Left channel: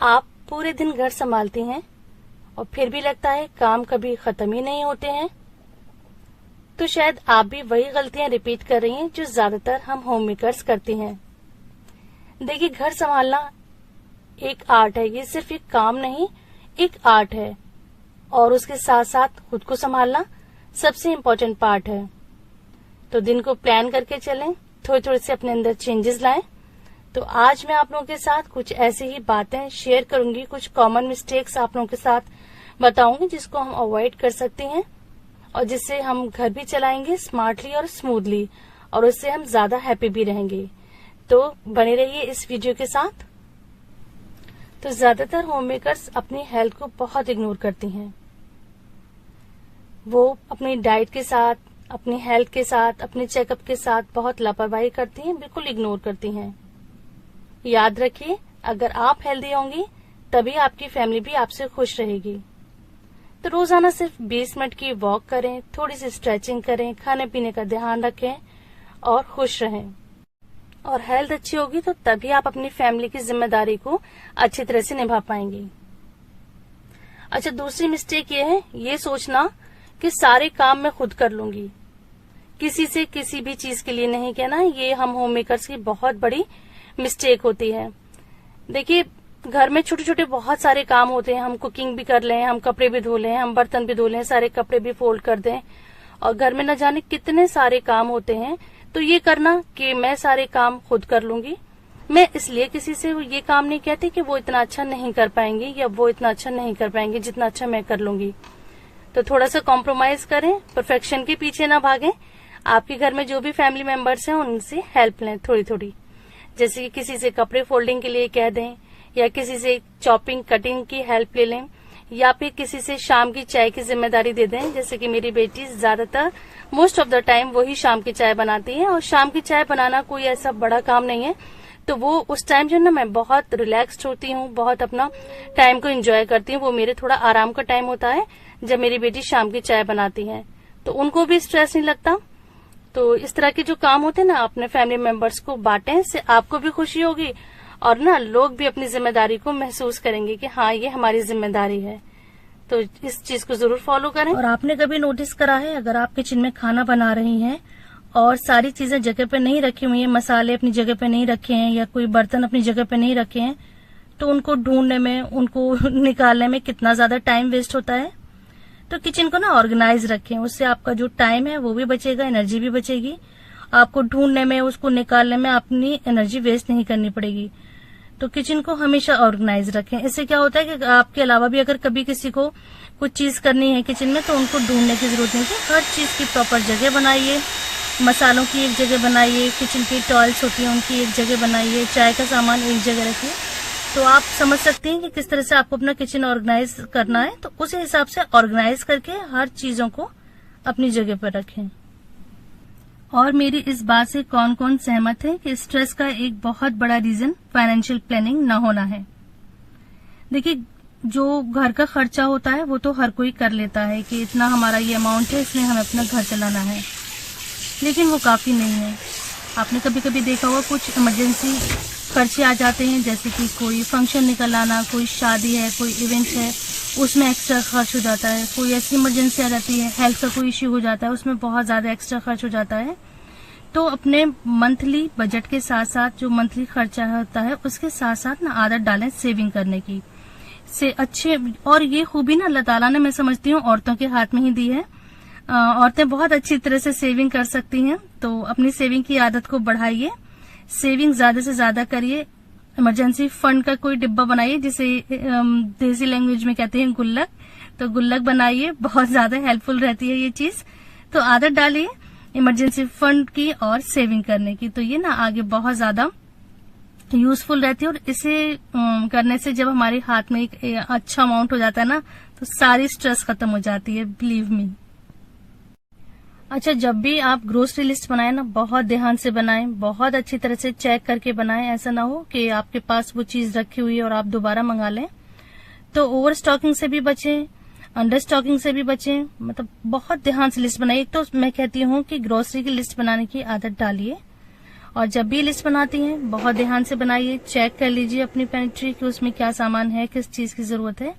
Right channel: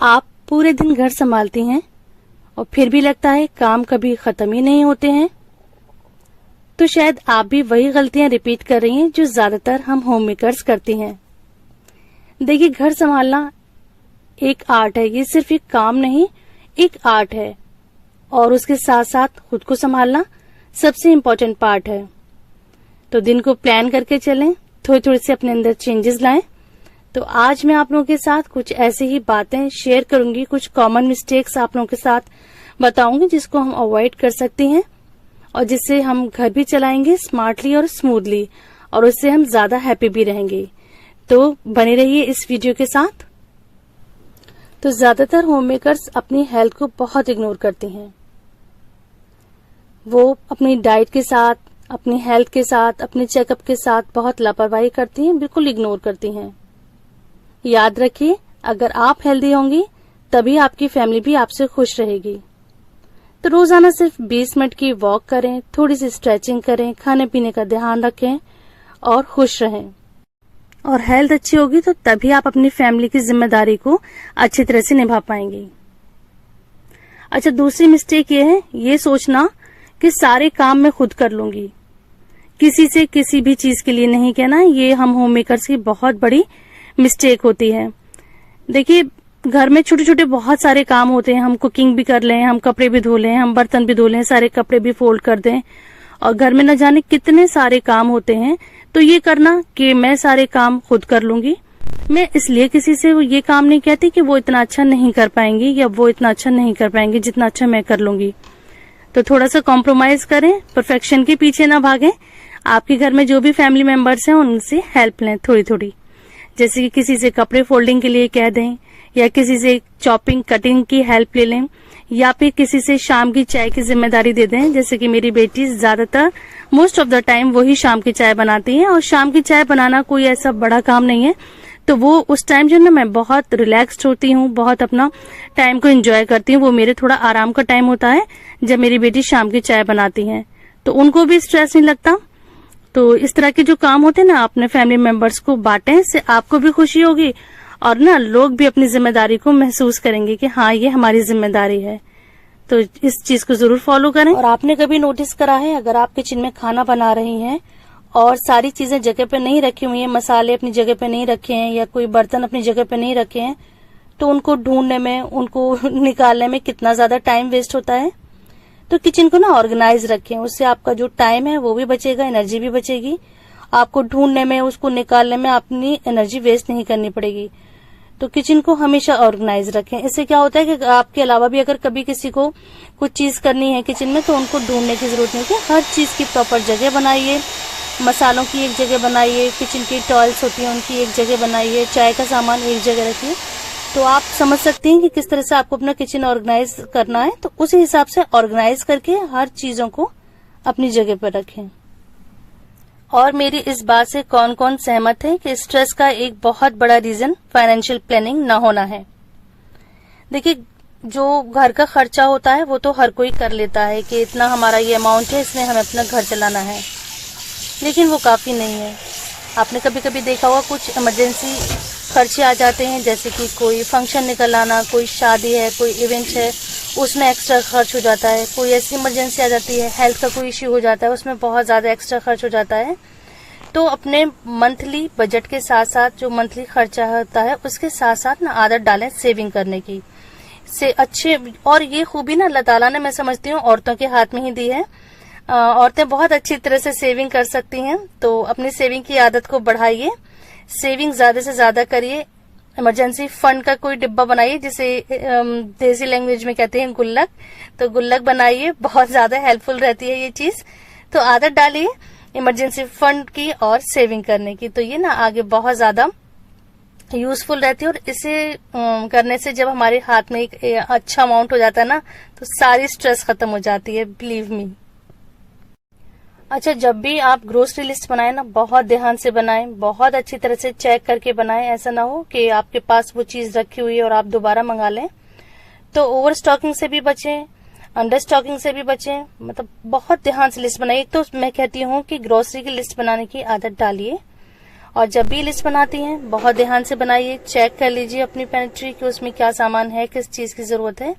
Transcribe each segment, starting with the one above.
आप पूरे दिन घर संभालती हैं और फिर भी लगता है काम कभी खत्म ही नहीं होते हैं, तो शायद आप भी वही गलतियां रिपीट कर रही हैं जो ज्यादातर हम होम मेकर्स करती हैं। देखिए, घर संभालना एक आर्ट है, ये सिर्फ एक काम नहीं, एक आर्ट है। और उसके साथ साथ खुद को संभालना सबसे इम्पोर्टेंट पार्ट है। तो दिन को प्लान करके चलें, थोड़ी थोड़ी से अपने अंदर चेंजेस लाएं। तो आज मैं आप लोगों के साथ कुछ ऐसी ही बातें शेयर करूंगी, कुछ कॉमन मिस्टेक्स आप लोगों के साथ बताऊंगी जिसको हम अवॉइड कर सकते हैं और जिससे हम घर भी चलाएंगे स्मार्टली और स्मूथली, और उससे हम ज्यादा हैप्पी भी रहेंगे। तो बने रहिए इस वीडियो के साथ। तो ज्यादातर होम मेकर्स अपनी हेल्थ को बहुत इग्नोर करती हैं। वो अपनी डाइट के साथ, अपनी हेल्थ के साथ, अपने चेकअप के साथ बहुत लापरवाही करती हैं, बिल्कुल इग्नोर करती हैं। याद रखिए, अगर आप हेल्दी होंगी तभी आपकी फैमिली भी आपसे खुश रहेगी। तो रोजाना सिर्फ 20 मिनट की वॉक करें, थोड़ी सी स्ट्रेचिंग करें, खाने पीने का ध्यान रखें और खुश रहें। और हेल्थ अच्छी होगी तो तभी आप अपनी फैमिली की जिम्मेदारी को अच्छी तरह से निभा पाएंगे। अच्छा, दूसरी मिस्टेक ये है, ये सोचना कि सारे काम मैं खुद कर लूंगी, किसी से किसी भी चीज के लिए नहीं कहना। ये हम होम मेकर्स की बहुत बड़ी मिस्टेक होती है। देखिए, घर में छोटे छोटे बहुत सारे काम होते हैं। हम कुकिंग भी कर लें, हम कपड़े भी धो लें, हम बर्तन भी धो लें, सारे कपड़े भी फोल्ड कर दें, और घर में न जाने कितने सारे काम होते हैं। तो ये करना कि मैं सारे काम खुद कर लूंगी, मैं इसलिए किसी से ये काम नहीं कहती कि वो इतना अच्छा नहीं कर पाएंगी या वो इतना अच्छा नहीं कर पाएंगे जितना अच्छा मैं कर लूंगी। तो थोड़ा सा कॉम्प्रोमाइज करें, परफेक्शन के पीछे ना भागें। आपके घर में जो भी फैमिली मेंबर्स हैं उनसे हेल्प लें थोड़ी थोड़ी, जैसे कि किसी से कपड़े फोल्डिंग के लिए कह दें, या किसी से चॉपिंग कटिंग की हेल्प ले लें, या फिर किसी से शाम की चाय की जिम्मेदारी दे दें। जैसे कि मेरी बेटी ज्यादातर मोस्ट ऑफ द टाइम वही शाम की चाय बनाती है, और शाम की चाय बनाना कोई ऐसा बड़ा काम नहीं है। तो वो उस टाइम जो ना मैं बहुत रिलैक्स्ड होती हूँ, बहुत अपना टाइम को एंजॉय करती हूँ। वो मेरे थोड़ा आराम का टाइम होता है जब मेरी बेटी शाम की चाय बनाती है, तो उनको भी स्ट्रेस नहीं लगता। तो इस तरह के जो काम होते हैं ना, अपने फैमिली मेंबर्स को बांटें, इससे आपको भी खुशी होगी और ना लोग भी अपनी जिम्मेदारी को महसूस करेंगे कि हाँ, ये हमारी जिम्मेदारी है। तो इस चीज को जरूर फॉलो करें। और आपने कभी नोटिस करा है, अगर आप किचन में खाना बना रही हैं और सारी चीजें जगह पे नहीं रखी हुई हैं, मसाले अपनी जगह पे नहीं रखे हैं या कोई बर्तन अपनी जगह पे नहीं रखे हैं, तो उनको ढूंढने में, उनको निकालने में कितना ज्यादा टाइम वेस्ट होता है। तो किचन को ना ऑर्गेनाइज रखें, उससे आपका जो टाइम है वो भी बचेगा, एनर्जी भी बचेगी। आपको ढूंढने में, उसको निकालने में अपनी एनर्जी वेस्ट नहीं करनी पड़ेगी। तो किचन को हमेशा ऑर्गेनाइज रखें। इससे क्या होता है कि आपके अलावा भी अगर कभी किसी को कुछ चीज करनी है किचन में, तो उनको ढूंढने की जरूरत नहीं है। हर चीज की प्रॉपर जगह बनाइए, मसालों की एक जगह बनाइए, किचन की टॉयल्स होती है उनकी एक जगह बनाइए, चाय का सामान एक जगह रखिए। तो आप समझ सकते हैं कि किस तरह से आपको अपना किचन ऑर्गेनाइज करना है। तो उसी हिसाब से ऑर्गेनाइज करके हर चीजों को अपनी जगह पर रखें। और मेरी इस बात से कौन कौन सहमत है कि स्ट्रेस का एक बहुत बड़ा रीजन फाइनेंशियल प्लानिंग ना होना है। देखिए, जो घर का खर्चा होता है वो तो हर कोई कर लेता है कि इतना हमारा ये अमाउंट है, इसमें हमें अपना घर चलाना है, लेकिन वो काफी नहीं है। आपने कभी कभी देखा होगा, कुछ इमरजेंसी खर्चे आ जाते हैं, जैसे कि कोई फंक्शन निकल आना, कोई शादी है, कोई इवेंट है, उसमें एक्स्ट्रा खर्च हो जाता है। कोई ऐसी इमरजेंसी आ जाती है, हेल्थ का कोई इश्यू हो जाता है, उसमें बहुत ज्यादा एक्स्ट्रा खर्च हो जाता है। तो अपने मंथली बजट के साथ साथ जो मंथली खर्चा होता है उसके साथ साथ ना आदत डालें सेविंग करने की। से अच्छे, और ये खूबी ना अल्लाह ताला ने, मैं समझती हूँ, औरतों के हाथ में ही दी है। औरतें बहुत अच्छी तरह से सेविंग कर सकती हैं। तो अपनी सेविंग की आदत को बढ़ाइए, सेविंग ज्यादा से ज्यादा करिए। इमरजेंसी फंड का कोई डिब्बा बनाइए, जिसे देसी लैंग्वेज में कहते हैं गुल्लक। तो गुल्लक बनाइए, बहुत ज्यादा हेल्पफुल रहती है ये चीज। तो आदत डालिए इमरजेंसी फंड की और सेविंग करने की, तो ये ना आगे बहुत ज्यादा यूजफुल रहती है। और इसे करने से जब हमारे हाथ में एक अच्छा अमाउंट हो जाता है ना, तो सारी स्ट्रेस खत्म हो जाती है, बिलीव मी। अच्छा, जब भी आप ग्रोसरी लिस्ट बनाएं ना, बहुत ध्यान से बनाएं, बहुत अच्छी तरह से चेक करके बनाएं। ऐसा ना हो कि आपके पास वो चीज रखी हुई है और आप दोबारा मंगा लें। तो ओवर स्टॉकिंग से भी बचें, अंडर स्टॉकिंग से भी बचें। मतलब बहुत ध्यान से लिस्ट बनाइए। एक तो मैं कहती हूँ कि ग्रोसरी की लिस्ट बनाने की आदत डालिए, और जब भी लिस्ट बनाती हैं बहुत ध्यान से बनाइए, चेक कर लीजिए अपनी पेंट्री कि उसमें क्या सामान है, किस चीज की जरूरत है।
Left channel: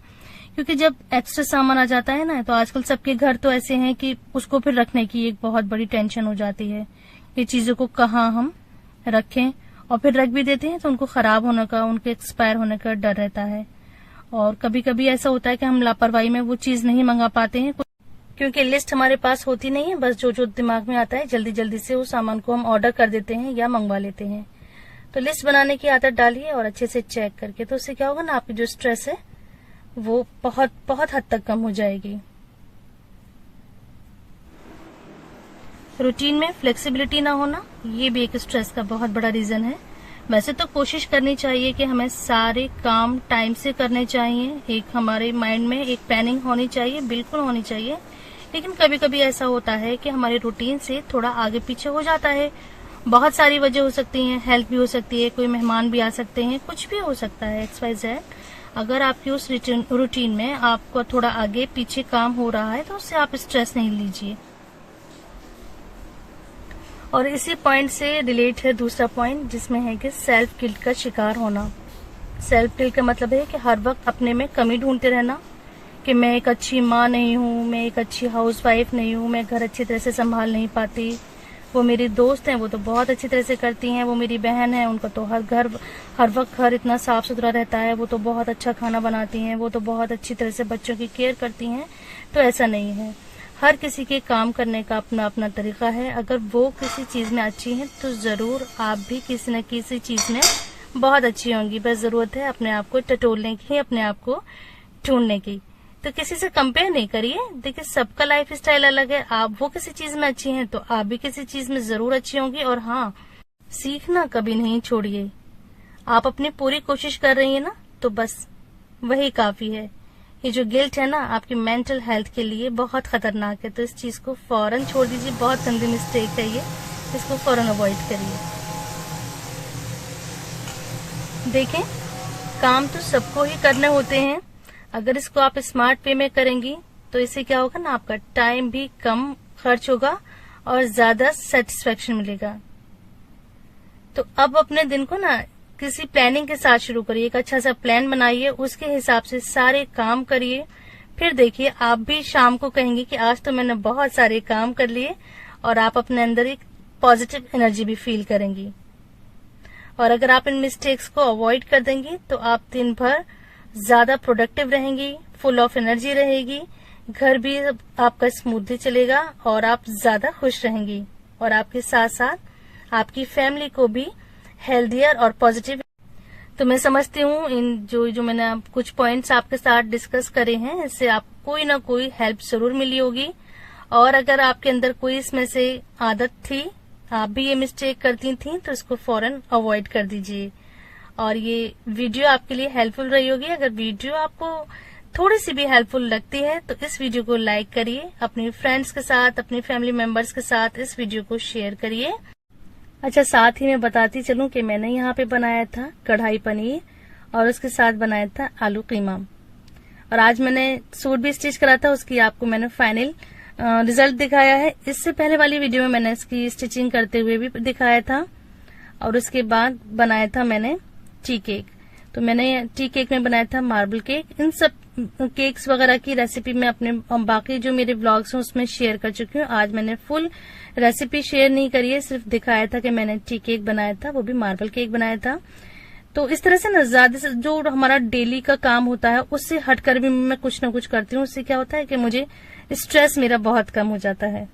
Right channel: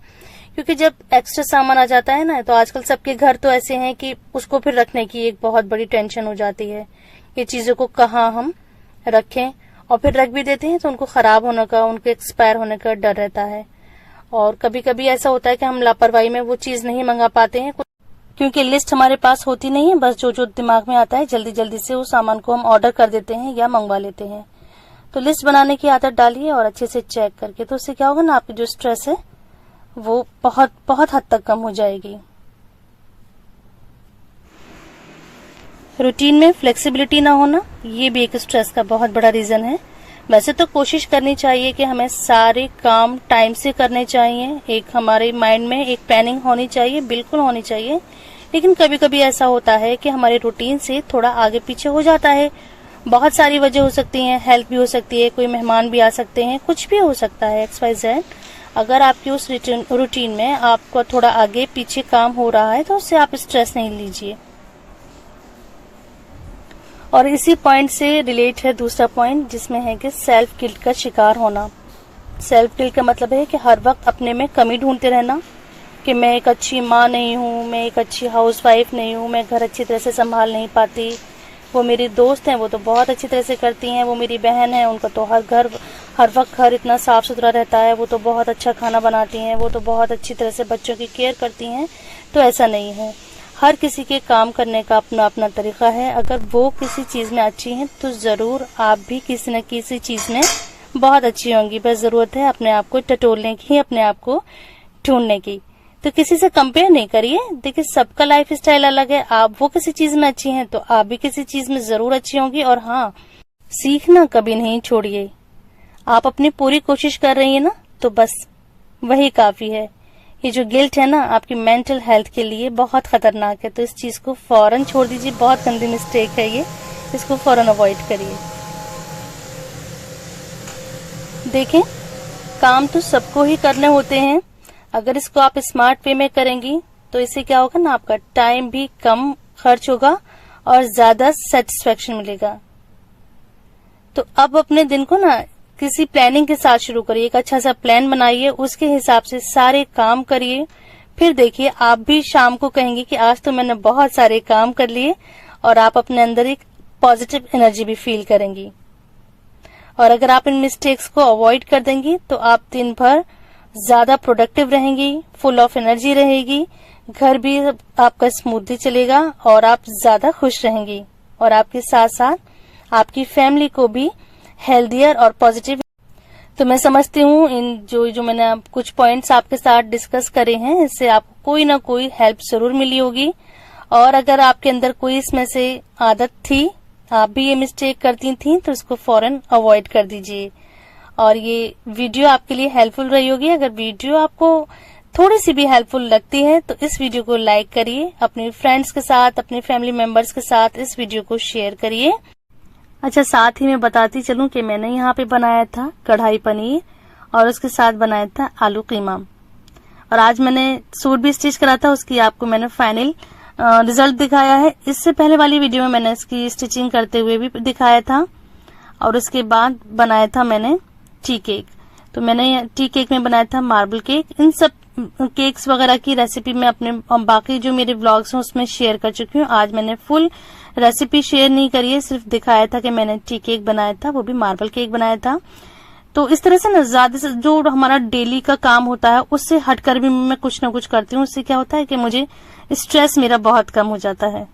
क्योंकि जब एक्स्ट्रा सामान आ जाता है ना, तो आजकल सबके घर तो ऐसे हैं कि उसको फिर रखने की एक बहुत बड़ी टेंशन हो जाती है, ये चीजों को कहाँ हम रखें, और फिर रख भी देते हैं तो उनको खराब होने का, उनके एक्सपायर होने का डर रहता है। और कभी कभी ऐसा होता है कि हम लापरवाही में वो चीज नहीं मंगा पाते हैं, क्योंकि लिस्ट हमारे पास होती नहीं है। बस जो जो दिमाग में आता है जल्दी जल्दी से उस सामान को हम ऑर्डर कर देते हैं या मंगवा लेते हैं। तो लिस्ट बनाने की आदत डालिए और अच्छे से चेक करके, तो उससे क्या होगा ना, आपकी जो स्ट्रेस है वो बहुत बहुत हद तक कम हो जाएगी। रूटीन में फ्लेक्सिबिलिटी ना होना, ये भी एक स्ट्रेस का बहुत बड़ा रीजन है। वैसे तो कोशिश करनी चाहिए कि हमें सारे काम टाइम से करने चाहिए, एक हमारे माइंड में एक प्लानिंग होनी चाहिए, बिल्कुल होनी चाहिए। लेकिन कभी कभी ऐसा होता है कि हमारे रूटीन से थोड़ा आगे पीछे हो जाता है। बहुत सारी वजह हो सकती हैं, हेल्थ भी हो सकती है, कोई मेहमान भी आ सकते हैं, कुछ भी हो सकता है, XYZ। अगर आपकी उस रूटीन में आपको थोड़ा आगे पीछे काम हो रहा है तो उससे आप स्ट्रेस नहीं लीजिए। और इसी पॉइंट से रिलेट है दूसरा पॉइंट, जिसमें है कि सेल्फ गिल्ट का शिकार होना। सेल्फ गिल्ट का मतलब है कि हर वक्त अपने में कमी ढूंढते रहना, कि मैं एक अच्छी माँ नहीं हूँ, मैं एक अच्छी हाउसवाइफ नहीं हूँ, मैं घर अच्छी तरह से संभाल नहीं पाती, वो मेरी दोस्त हैं वो तो बहुत अच्छी तरह से करती हैं, वो मेरी बहन है उनका तो हर वक्त घर इतना साफ सुथरा रहता है, वो तो बहुत अच्छा खाना बनाती हैं, वो तो बहुत अच्छी तरह से बच्चों की केयर करती हैं। तो ऐसा नहीं है, हर किसी के काम करने का अपना अपना तरीका है। अगर वो किसी चीज में अच्छी हैं तो जरूर आप भी किसी न किसी चीज में बहुत अच्छी होंगी। बस जरूरत है अपने आप को टटोलने की, अपने आप को ढूंढने की। तो किसी से कंपेयर नहीं करिए। देखिए सबका लाइफ स्टाइल अलग है, आप वो किसी चीज में अच्छी हैं तो आप भी किसी चीज में जरूर अच्छी होंगी। और हाँ, सीखना कभी नहीं छोड़िए। आप अपनी पूरी कोशिश कर रही है ना, तो बस वही काफी है। ये जो गिल्ट है ना, आपकी मेंटल हेल्थ के लिए बहुत खतरनाक है, तो इस चीज को फौरन छोड़ दीजिए। बहुत गंदी मिस्टेक है ये, इसको फौरन अवॉइड करिए। देखें, काम तो सबको ही करने होते हैं, अगर इसको आप स्मार्ट वे में करेंगी तो इससे क्या होगा ना, आपका टाइम भी कम खर्च होगा और ज्यादा सेटिस्फेक्शन मिलेगा। तो अब अपने दिन को ना किसी प्लानिंग के साथ शुरू करिए, एक अच्छा सा प्लान बनाइए, उसके हिसाब से सारे काम करिए। फिर देखिए आप भी शाम को कहेंगे कि आज तो मैंने बहुत सारे काम कर लिए, और आप अपने अंदर एक पॉजिटिव एनर्जी भी फील करेंगी। और अगर आप इन मिस्टेक्स को अवॉइड कर देंगी तो आप दिन भर ज्यादा प्रोडक्टिव रहेंगी, फुल ऑफ एनर्जी रहेगी, घर भी आपका स्मूथली चलेगा और आप ज्यादा खुश रहेंगी। और आपके साथ साथ आपकी फैमिली को भी हेल्दियर और पॉजिटिव। तो मैं समझती हूँ इन जो मैंने कुछ पॉइंट्स आपके साथ डिस्कस करे हैं, इससे आपको कोई ना कोई हेल्प जरूर मिली होगी। और अगर आपके अंदर कोई इसमें से आदत थी, आप भी ये मिस्टेक करती थी, तो इसको फौरन अवॉइड कर दीजिए। और ये वीडियो आपके लिए हेल्पफुल रही होगी। अगर वीडियो आपको थोड़ी सी भी हेल्पफुल लगती है तो इस वीडियो को लाइक करिए, अपने फ्रेंड्स के साथ, अपने फैमिली मेंबर्स के साथ इस वीडियो को शेयर करिए। अच्छा, साथ ही मैं बताती चलूं कि मैंने यहाँ पे बनाया था कढ़ाई पनीर और उसके साथ बनाया था आलू कीमा। और आज मैंने सूट भी स्टिच करा था, उसकी आपको मैंने फाइनल रिजल्ट दिखाया है। इससे पहले वाली वीडियो में मैंने इसकी स्टिचिंग करते हुए भी दिखाया था। और उसके बाद बनाया था मैंने टी केक। तो मैंने टी केक में बनाया था मार्बल केक। इन सब केक्स वगैरह की रेसिपी मैं अपने बाकी जो मेरे व्लॉग्स हैं उसमें शेयर कर चुकी हूँ। आज मैंने फुल रेसिपी शेयर नहीं करी है, सिर्फ दिखाया था कि मैंने टी केक बनाया था, वो भी मार्बल केक बनाया था। तो इस तरह से ना ज्यादा से जो हमारा डेली का काम होता है उससे हटकर भी मैं कुछ ना कुछ करती हूँ। उससे क्या होता है कि मुझे स्ट्रेस मेरा बहुत कम हो जाता है।